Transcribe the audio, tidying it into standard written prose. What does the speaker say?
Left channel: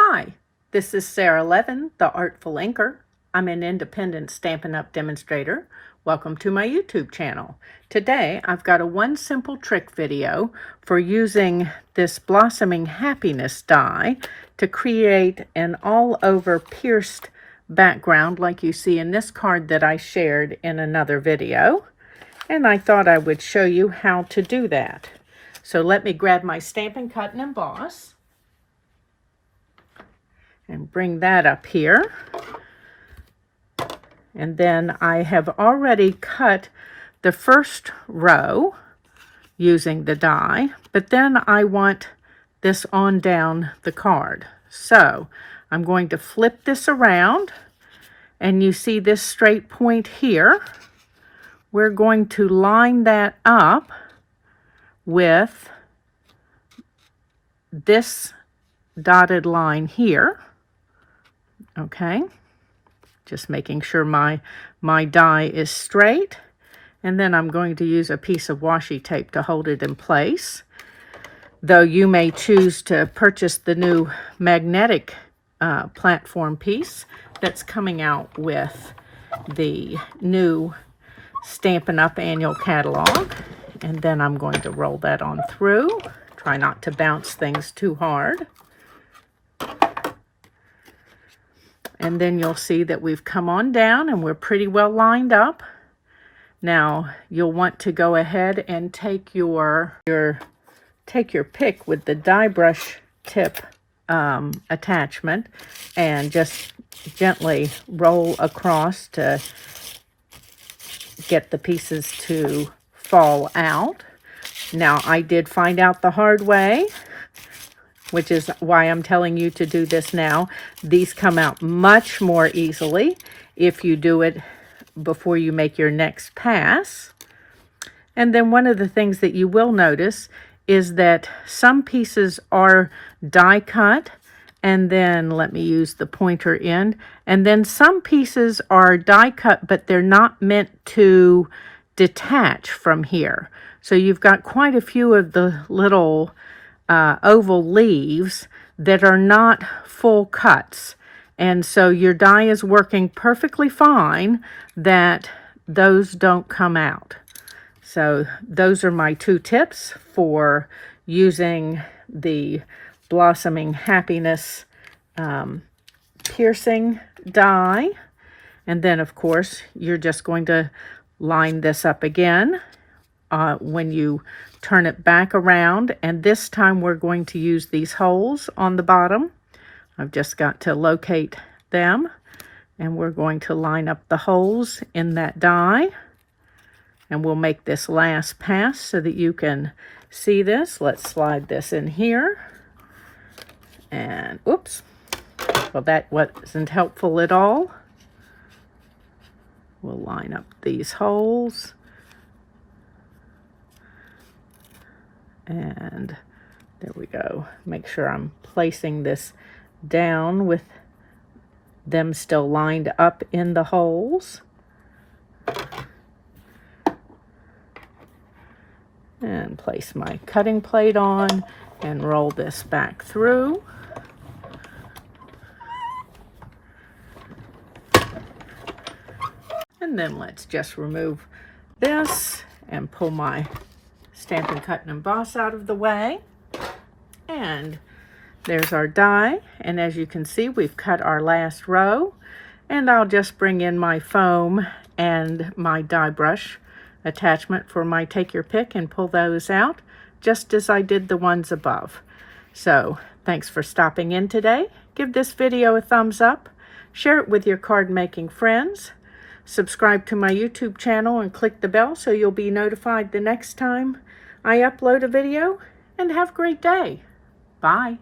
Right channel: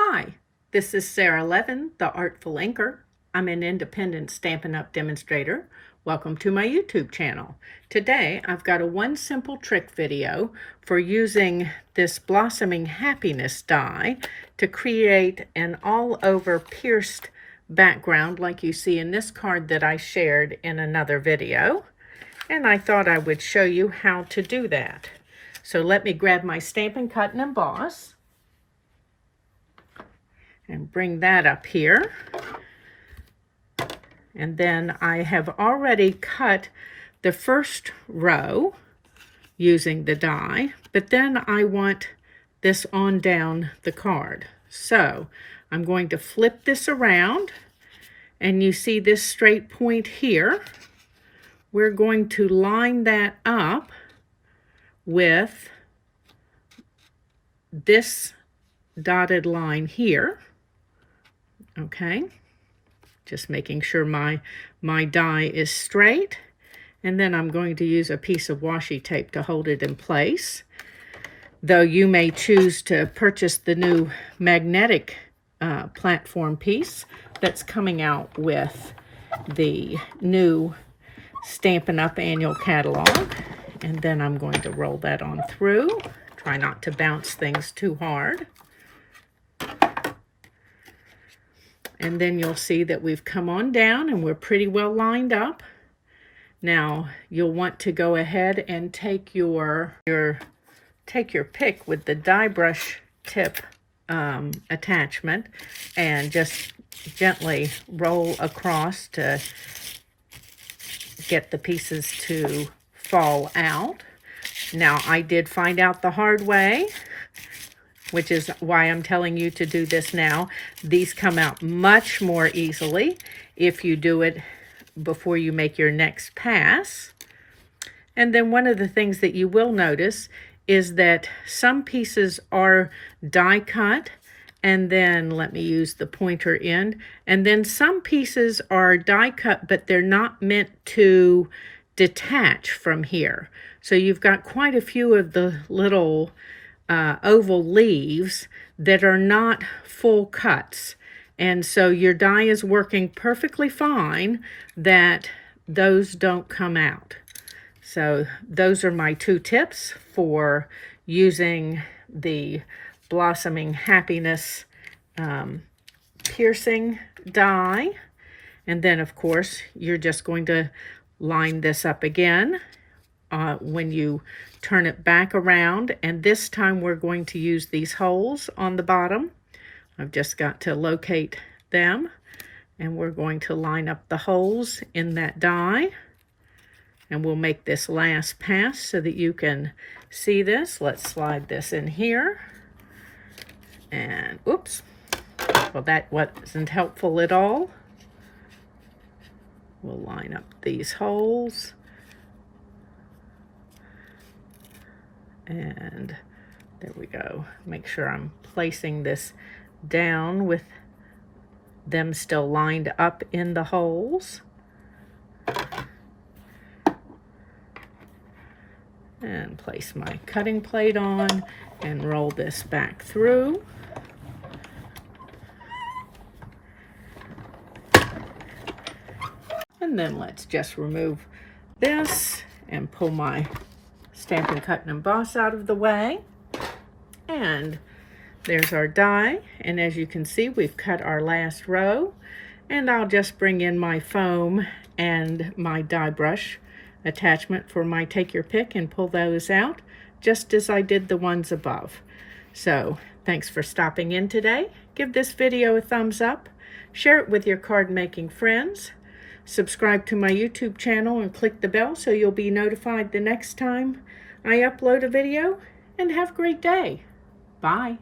Hi, this is Sara Levin, the Artful Inker. I'm an independent Stampin' Up! Demonstrator. Welcome to my YouTube channel. Today I've got a one simple trick video for using this Blossoming Happiness die to create an all-over pierced background like you see in this card that I shared in another video. And I thought I would show you how to do that. So let me grab my Stampin' Cut and Emboss and bring that up here. And then I have already cut the first row using the die, but then I want this on down the card. So I'm going to flip this around, and you see this straight point here. We're going to line that up with this dotted line here. Okay, just making sure my die is straight. And then I'm going to use a piece of washi tape to hold it in place. Though you may choose to purchase the new magnetic platform piece that's coming out with the new Stampin' Up! Annual catalog. And then I'm going to roll that on through. Try not to bounce things too hard. And then you'll see that we've come on down and we're pretty well lined up. Now you'll want to go ahead and take your pick with the die brush tip attachment and just gently roll across to get the pieces to fall out. Now I did find out the hard way, which is why I'm telling you to do this now. These come out much more easily if you do it before you make your next pass. And then one of the things that you will notice is that some pieces are die cut, and then let me use the pointer end, and then some pieces are die cut, but they're not meant to detach from here. So you've got quite a few of the little oval leaves that are not full cuts, and so your die is working perfectly fine that those don't come out. So those are my two tips for using the Blossoming Happiness piercing die. And then of course you're just going to line this up again when you turn it back around, and this time we're going to use these holes on the bottom. I've just got to locate them, and we're going to line up the holes in that die, and we'll make this last pass so that you can see this. Let's slide this in here, and oops, well, that wasn't helpful at all. We'll line up these holes. And there we go. Make sure I'm placing this down with them still lined up in the holes. And place my cutting plate on and roll this back through. And then let's just remove this and pull my Stampin' Cut and Emboss out of the way. And there's our die, and as you can see, we've cut our last row, and I'll just bring in my foam and my die brush attachment for my take your pick and pull those out just as I did the ones above. So thanks for stopping in today. Give this video a thumbs up, share it with your card making friends, subscribe to my YouTube channel and click the bell so you'll be notified the next time I upload a video, and have a great day. Bye.